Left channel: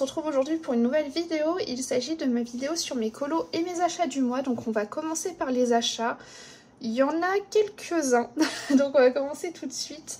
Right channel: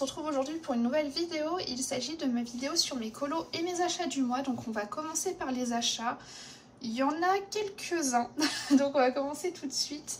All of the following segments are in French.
se retrouve aujourd'hui pour une nouvelle vidéo. Il s'agit de ma vidéo sur mes colos et mes achats du mois. Donc on va commencer par les achats. Il y en a quelques-uns, donc on va commencer tout de suite.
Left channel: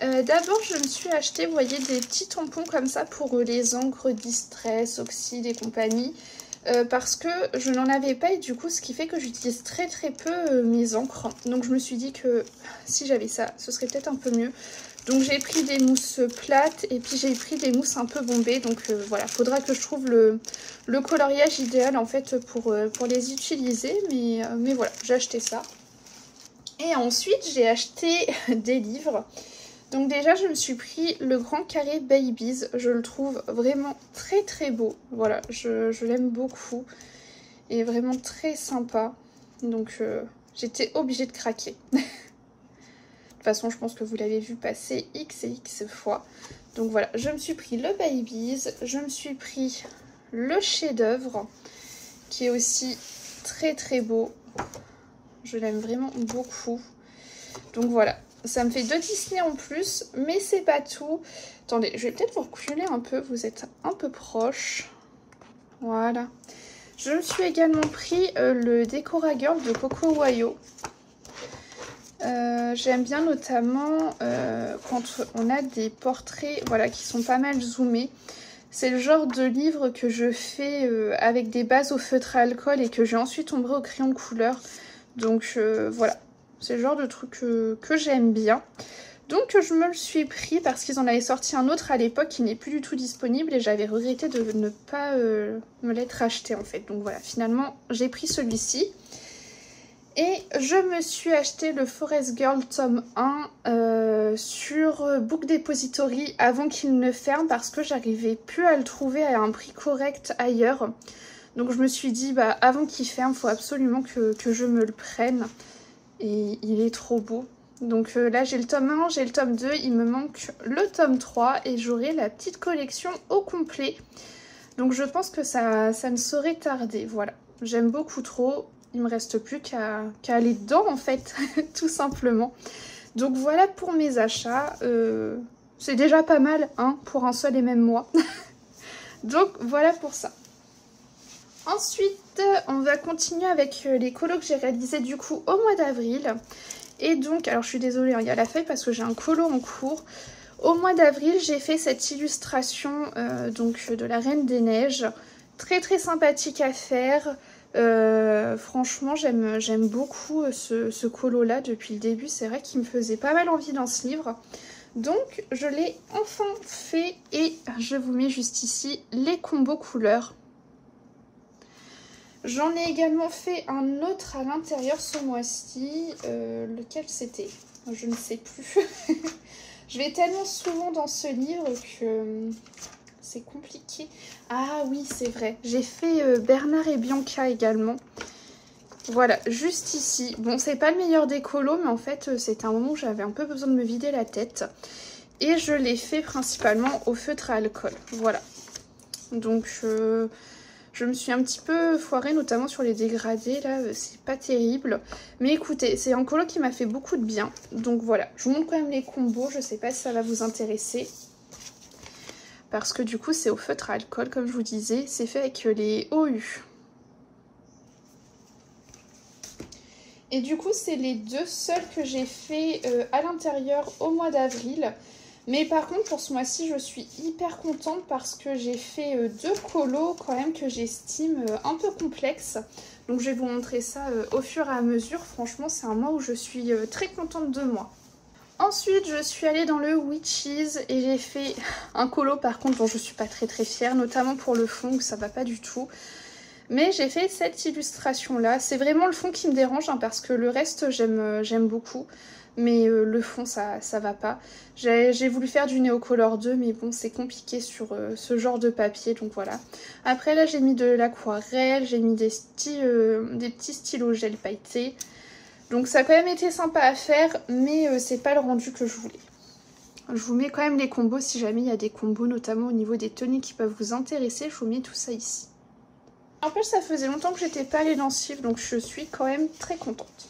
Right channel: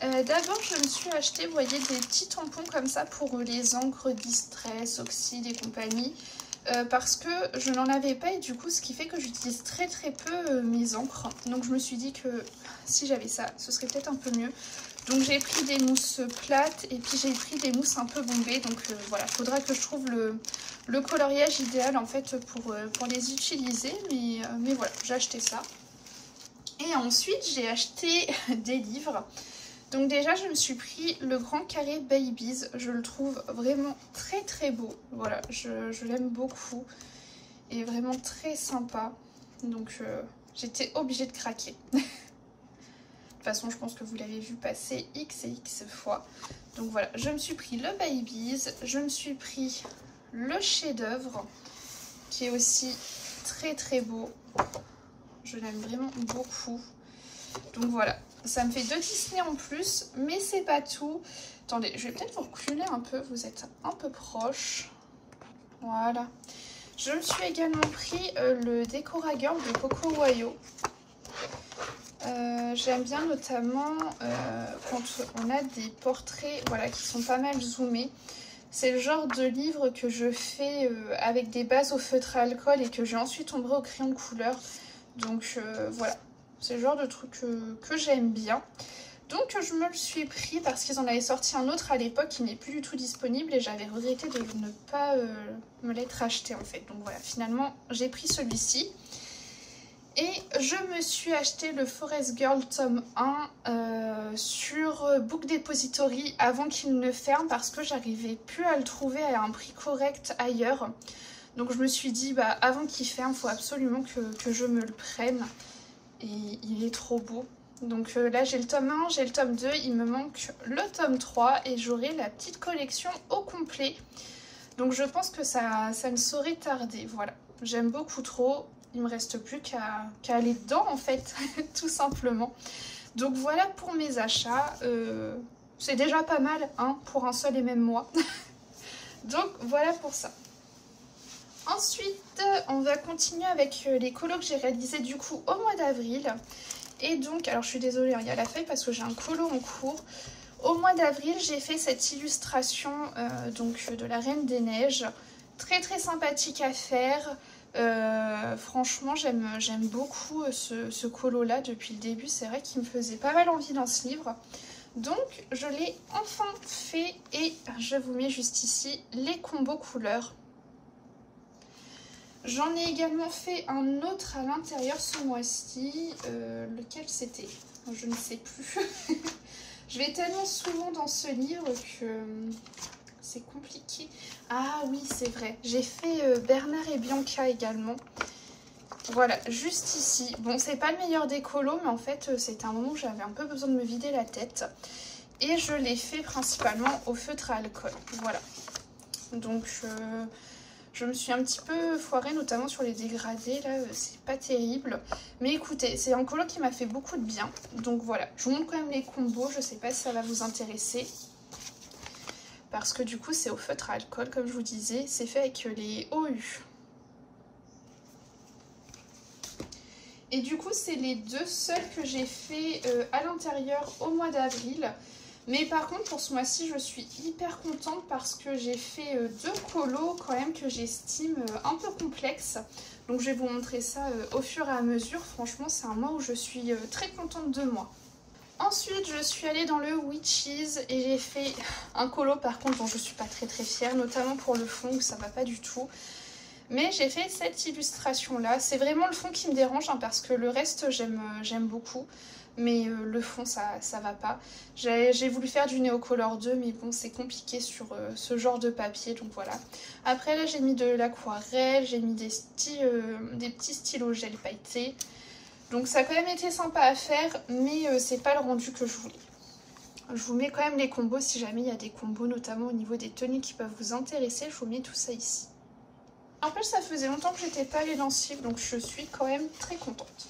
D'abord je me suis acheté, vous voyez, des petits tampons comme ça pour les encres Distress, Oxide et compagnie. Parce que je n'en avais pas et du coup ce qui fait que j'utilise très peu mes encres. Donc je me suis dit que si j'avais ça, ce serait peut-être un peu mieux. Donc j'ai pris des mousses plates et puis j'ai pris des mousses un peu bombées. Donc voilà, faudra que je trouve le coloriage idéal en fait pour les utiliser. Mais voilà, j'ai acheté ça. Et ensuite j'ai acheté des livres. Donc déjà je me suis pris le grand carré Babies, je le trouve vraiment très beau, voilà, je l'aime beaucoup et vraiment très sympa, donc j'étais obligée de craquer. De toute façon je pense que vous l'avez vu passer X et X fois, donc voilà, je me suis pris le Babies, je me suis pris le chef-d'œuvre qui est aussi très beau, je l'aime vraiment beaucoup, donc voilà. Ça me fait 2 Disney en plus, mais c'est pas tout. Attendez, je vais peut-être vous reculer un peu, vous êtes un peu proche. Voilà. Je me suis également pris le Decora Girl de Coco Wayo. J'aime bien notamment quand on a des portraits, voilà, qui sont pas mal zoomés. C'est le genre de livre que je fais avec des bases au feutre à alcool et que j'ai ensuite ombré au crayon de couleur. Donc voilà. C'est le genre de truc que j'aime bien. Donc je me le suis pris parce qu'ils en avaient sorti un autre à l'époque qui n'est plus du tout disponible et j'avais regretté de ne pas me l'être acheté en fait. Donc voilà, finalement j'ai pris celui-ci. Et je me suis acheté le Forest Girl tome 1 sur Book Depository avant qu'il ne ferme parce que j'arrivais plus à le trouver à un prix correct ailleurs. Donc je me suis dit, bah, avant qu'il ferme, il faut absolument que je me le prenne. Et il est trop beau. Donc là j'ai le tome 1, j'ai le tome 2, il me manque le tome 3 et j'aurai la petite collection au complet. Donc je pense que ça ne saurait tarder, voilà. J'aime beaucoup trop, il me reste plus qu'à aller dedans en fait, tout simplement. Donc voilà pour mes achats, c'est déjà pas mal hein, pour un seul et même mois. Donc voilà pour ça. Ensuite, on va continuer avec les colos que j'ai réalisés du coup au mois d'avril. Et donc, alors je suis désolée, il y a la feuille parce que j'ai un colo en cours. Au mois d'avril, j'ai fait cette illustration donc de la Reine des Neiges. Très sympathique à faire. Franchement, j'aime beaucoup ce colo-là depuis le début. C'est vrai qu'il me faisait pas mal envie dans ce livre. Donc, je l'ai enfin fait et je vous mets juste ici les combos couleurs. J'en ai également fait un autre à l'intérieur ce mois-ci. Lequel c'était? Je ne sais plus. Je vais tellement souvent dans ce livre que c'est compliqué. Ah oui, c'est vrai. J'ai fait Bernard et Bianca également. Voilà, juste ici. Bon, c'est pas le meilleur des colos, mais en fait, c'était un moment où j'avais un peu besoin de me vider la tête. Et je l'ai fait principalement au feutre à alcool. Voilà. Donc... je me suis un petit peu foirée, notamment sur les dégradés, là, c'est pas terrible. Mais écoutez, c'est un colo qui m'a fait beaucoup de bien. Donc voilà, je vous montre quand même les combos, je sais pas si ça va vous intéresser. Parce que du coup, c'est au feutre à alcool, comme je vous disais, c'est fait avec les OU. Et du coup, c'est les deux seuls que j'ai fait à l'intérieur au mois d'avril. Mais par contre, pour ce mois-ci, je suis hyper contente parce que j'ai fait deux colos quand même que j'estime un peu complexes. Donc je vais vous montrer ça au fur et à mesure. Franchement, c'est un mois où je suis très contente de moi. Ensuite, je suis allée dans le Witches et j'ai fait un colo par contre dont je suis pas très fière, notamment pour le fond où ça va pas du tout. Mais j'ai fait cette illustration-là. C'est vraiment le fond qui me dérange hein, parce que le reste, j'aime beaucoup. Mais le fond ça va pas. J'ai voulu faire du Neocolor 2 mais bon c'est compliqué sur ce genre de papier donc voilà. Après là j'ai mis de l'aquarelle, j'ai mis des petits stylos gel pailletés. Donc ça a quand même été sympa à faire mais c'est pas le rendu que je voulais. Je vous mets quand même les combos si jamais il y a des combos notamment au niveau des tenues qui peuvent vous intéresser. Je vous mets tout ça ici. En plus ça faisait longtemps que j'étais pas allée dans ce livre donc je suis quand même très contente.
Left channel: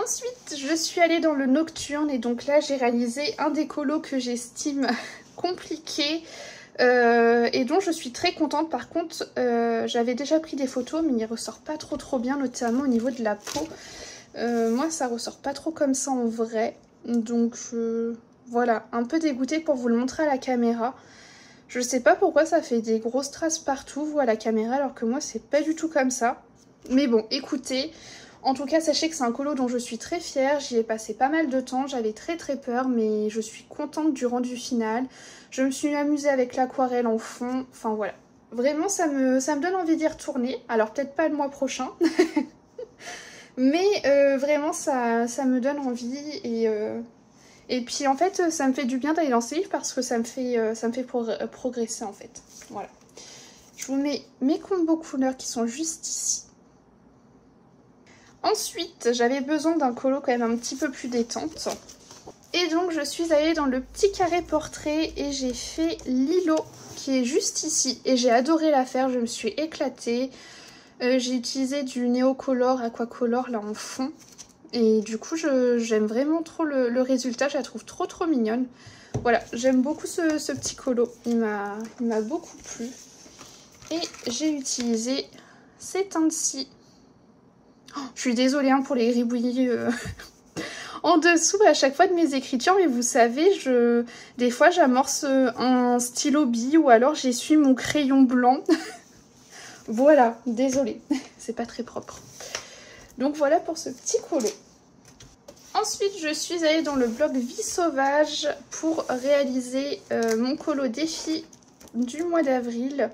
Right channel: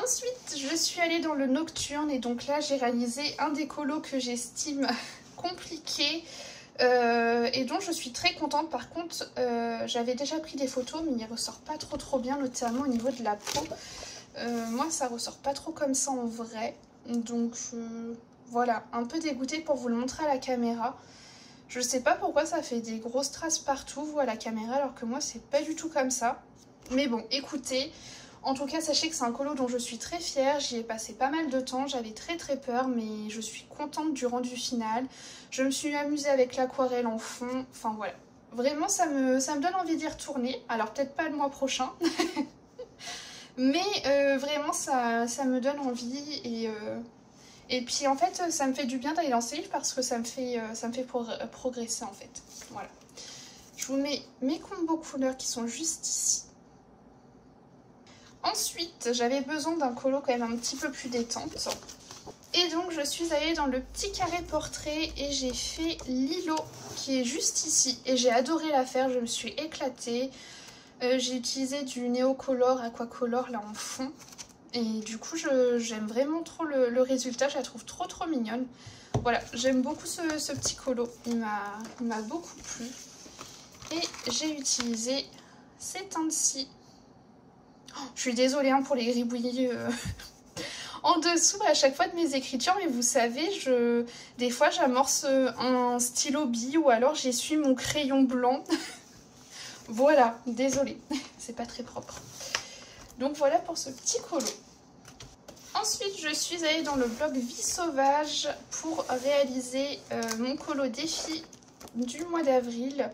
Ensuite, je suis allée dans le nocturne et donc là j'ai réalisé un des colos que j'estime compliqué et dont je suis très contente. Par contre, j'avais déjà pris des photos mais il ressort pas trop bien, notamment au niveau de la peau. Moi ça ressort pas trop comme ça en vrai, donc voilà, un peu dégoûtée pour vous le montrer à la caméra. Je sais pas pourquoi ça fait des grosses traces partout, vous, à la caméra, alors que moi c'est pas du tout comme ça. Mais bon, écoutez, en tout cas sachez que c'est un colo dont je suis très fière, j'y ai passé pas mal de temps, j'avais très peur, mais je suis contente du rendu final. Je me suis amusée avec l'aquarelle en fond, enfin voilà. Vraiment ça me donne envie d'y retourner, alors peut-être pas le mois prochain, mais vraiment ça me donne envie et puis en fait ça me fait du bien d'aller dans ces livres parce que ça me fait progresser en fait. Voilà. Je vous mets mes combos couleurs qui sont juste ici. Ensuite j'avais besoin d'un colo quand même un petit peu plus détente. Et donc je suis allée dans le petit carré portrait et j'ai fait Lilo qui est juste ici. Et j'ai adoré la faire, je me suis éclatée. J'ai utilisé du Neocolor, Aquacolor là en fond. Et du coup j'aime vraiment trop le résultat, je la trouve trop mignonne. Voilà, j'aime beaucoup ce petit colo, il m'a beaucoup plu. Et j'ai utilisé ces teintes-ci. Oh, je suis désolée hein, pour les gribouillis en dessous à chaque fois de mes écritures, mais vous savez, des fois j'amorce un stylo bille ou alors j'essuie mon crayon blanc. Voilà, désolée, c'est pas très propre. Donc voilà pour ce petit colo. Ensuite, je suis allée dans le blog Vie Sauvage pour réaliser mon colo défi du mois d'avril.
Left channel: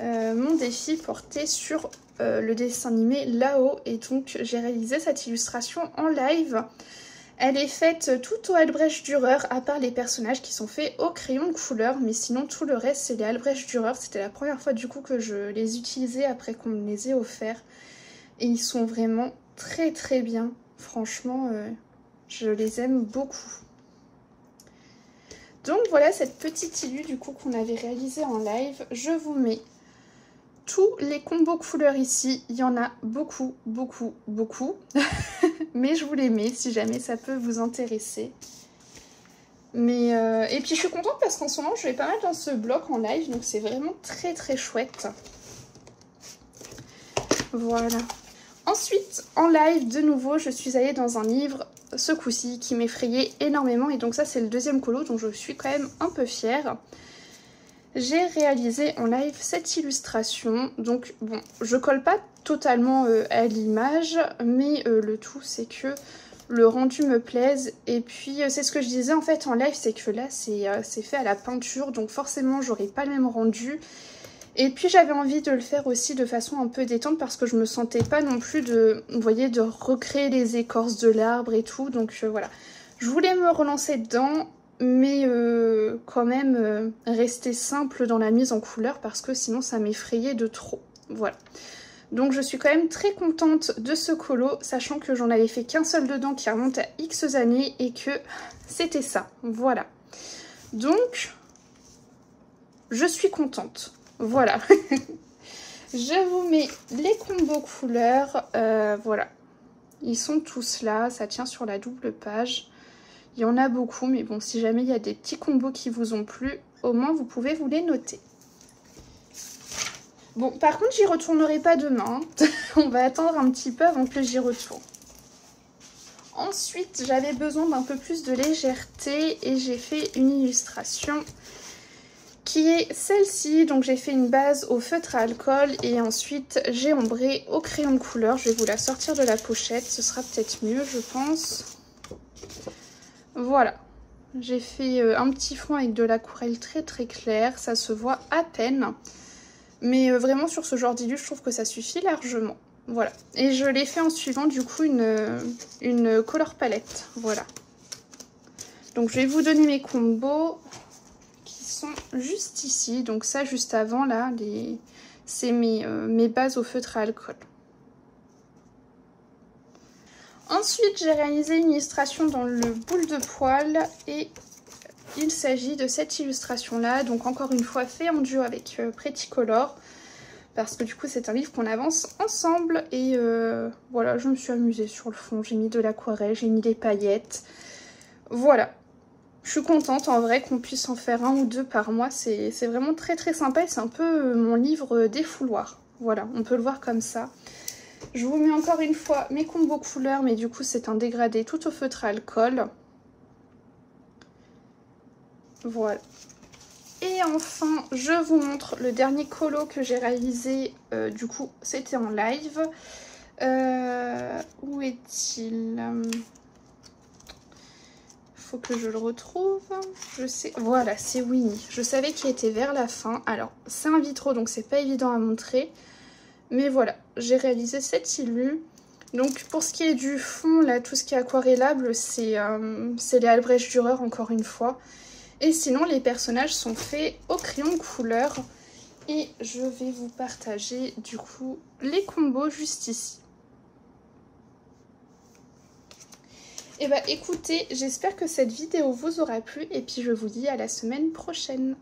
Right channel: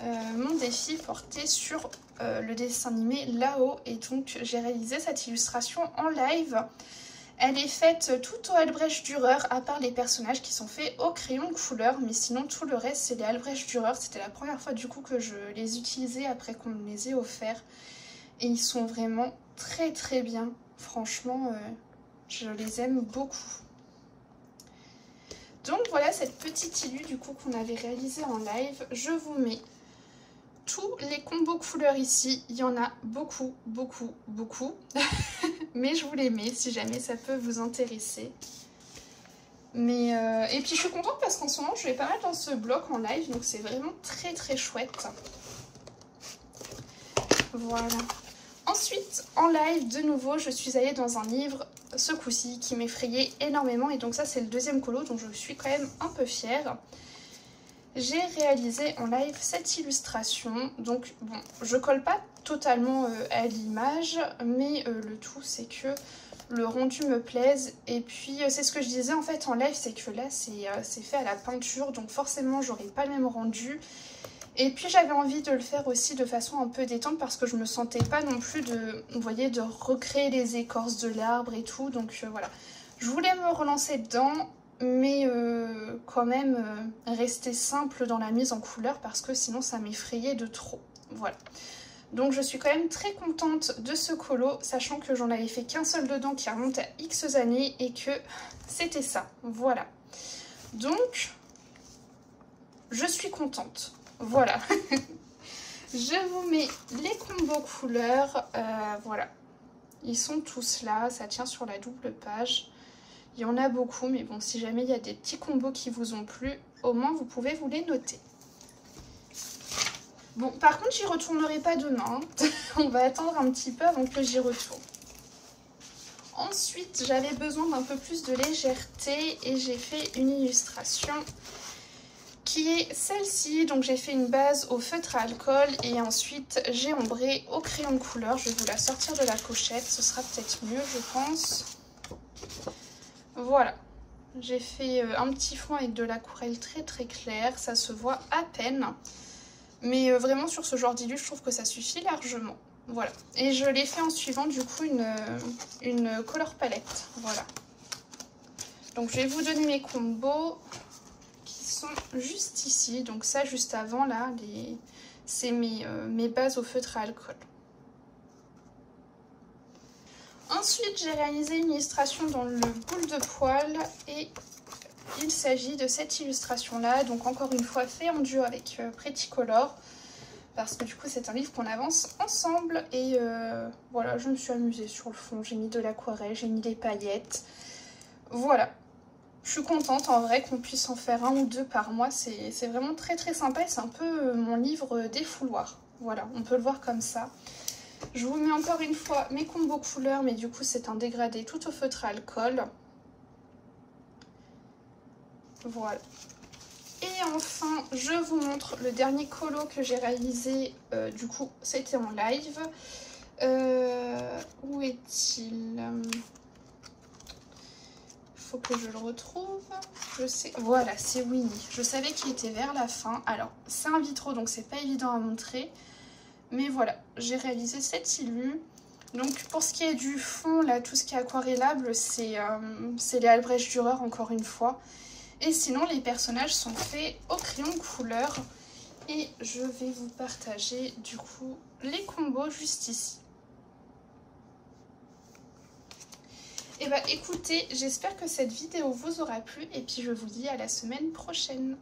Mon défi porté sur le dessin animé Là-haut. Et donc, j'ai réalisé cette illustration en live. Elle est faite tout au Albrecht Dürer, à part les personnages qui sont faits au crayon de couleur. Mais sinon, tout le reste, c'est les Albrecht Dürer. C'était la première fois du coup que je les utilisais après qu'on me les ait offerts. Et ils sont vraiment très bien. Franchement, je les aime beaucoup. Donc voilà cette petite illu du coup qu'on avait réalisé en live. Je vous mets tous les combos couleurs ici. Il y en a beaucoup. Mais je vous les mets si jamais ça peut vous intéresser. Mais et puis je suis contente parce qu'en ce moment je vais pas mal dans ce bloc en live. Donc c'est vraiment très chouette. Voilà. Ensuite, en live, de nouveau, je suis allée dans un livre, ce coup-ci, qui m'effrayait énormément. Et donc ça, c'est le deuxième colo, donc je suis quand même un peu fière. J'ai réalisé en live cette illustration. Donc, bon, je colle pas totalement à l'image, mais le tout, c'est que le rendu me plaise. Et puis, c'est ce que je disais en fait en live, c'est que là, c'est fait à la peinture. Donc forcément, j'aurai pas le même rendu. Et puis j'avais envie de le faire aussi de façon un peu détente parce que je me sentais pas non plus vous voyez, de recréer les écorces de l'arbre et tout. Donc voilà, je voulais me relancer dedans, mais quand même rester simple dans la mise en couleur parce que sinon ça m'effrayait de trop. Voilà. Donc je suis quand même très contente de ce colo, sachant que j'en avais fait qu'un seul dedans qui remonte à X années et que c'était ça. Voilà. Donc, je suis contente. Voilà. Je vous mets les combos couleurs. Voilà. Ils sont tous là. Ça tient sur la double page. Il y en a beaucoup. Mais bon, si jamais il y a des petits combos qui vous ont plu, au moins vous pouvez vous les noter. Bon, par contre, j'y retournerai pas demain. On va attendre un petit peu avant que j'y retourne. Ensuite, j'avais besoin d'un peu plus de légèreté et j'ai fait une illustration qui est celle-ci. Donc j'ai fait une base au feutre à alcool et ensuite j'ai ombré au crayon de couleur. Je vais vous la sortir de la pochette, ce sera peut-être mieux je pense. Voilà, j'ai fait un petit fond avec de l'aquarelle très claire, ça se voit à peine. Mais vraiment sur ce genre d'illu, je trouve que ça suffit largement. Voilà, et je l'ai fait en suivant du coup une color palette. Voilà. Donc je vais vous donner mes combos qui sont juste ici. Donc ça juste avant là, c'est mes bases au feutre à alcool. Ensuite j'ai réalisé une illustration dans le boule de poil et il s'agit de cette illustration là. Donc encore une fois fait en duo avec Pretty Color. parce que du coup c'est un livre qu'on avance ensemble. Et voilà, je me suis amusée sur le fond, j'ai mis de l'aquarelle, j'ai mis des paillettes. Voilà, je suis contente en vrai qu'on puisse en faire 1 ou 2 par mois, c'est vraiment très très sympa et c'est un peu mon livre défouloir. Voilà, on peut le voir comme ça. Je vous mets encore une fois mes combos couleurs, mais du coup c'est un dégradé tout au feutre à alcool. Voilà. Et enfin, je vous montre le dernier colo que j'ai réalisé, du coup c'était en live. Où est-il? Faut que je le retrouve. Je sais, voilà, c'est Winnie. Je savais qu'il était vers la fin. Alors, c'est un vitro, donc c'est pas évident à montrer. Mais voilà, j'ai réalisé cette illu. Donc, pour ce qui est du fond, là, tout ce qui est aquarellable, c'est les Albrecht Dürer, encore une fois. Et sinon, les personnages sont faits au crayon couleur. Et je vais vous partager, du coup, les combos juste ici. Et bah écoutez, j'espère que cette vidéo vous aura plu et puis je vous dis à la semaine prochaine.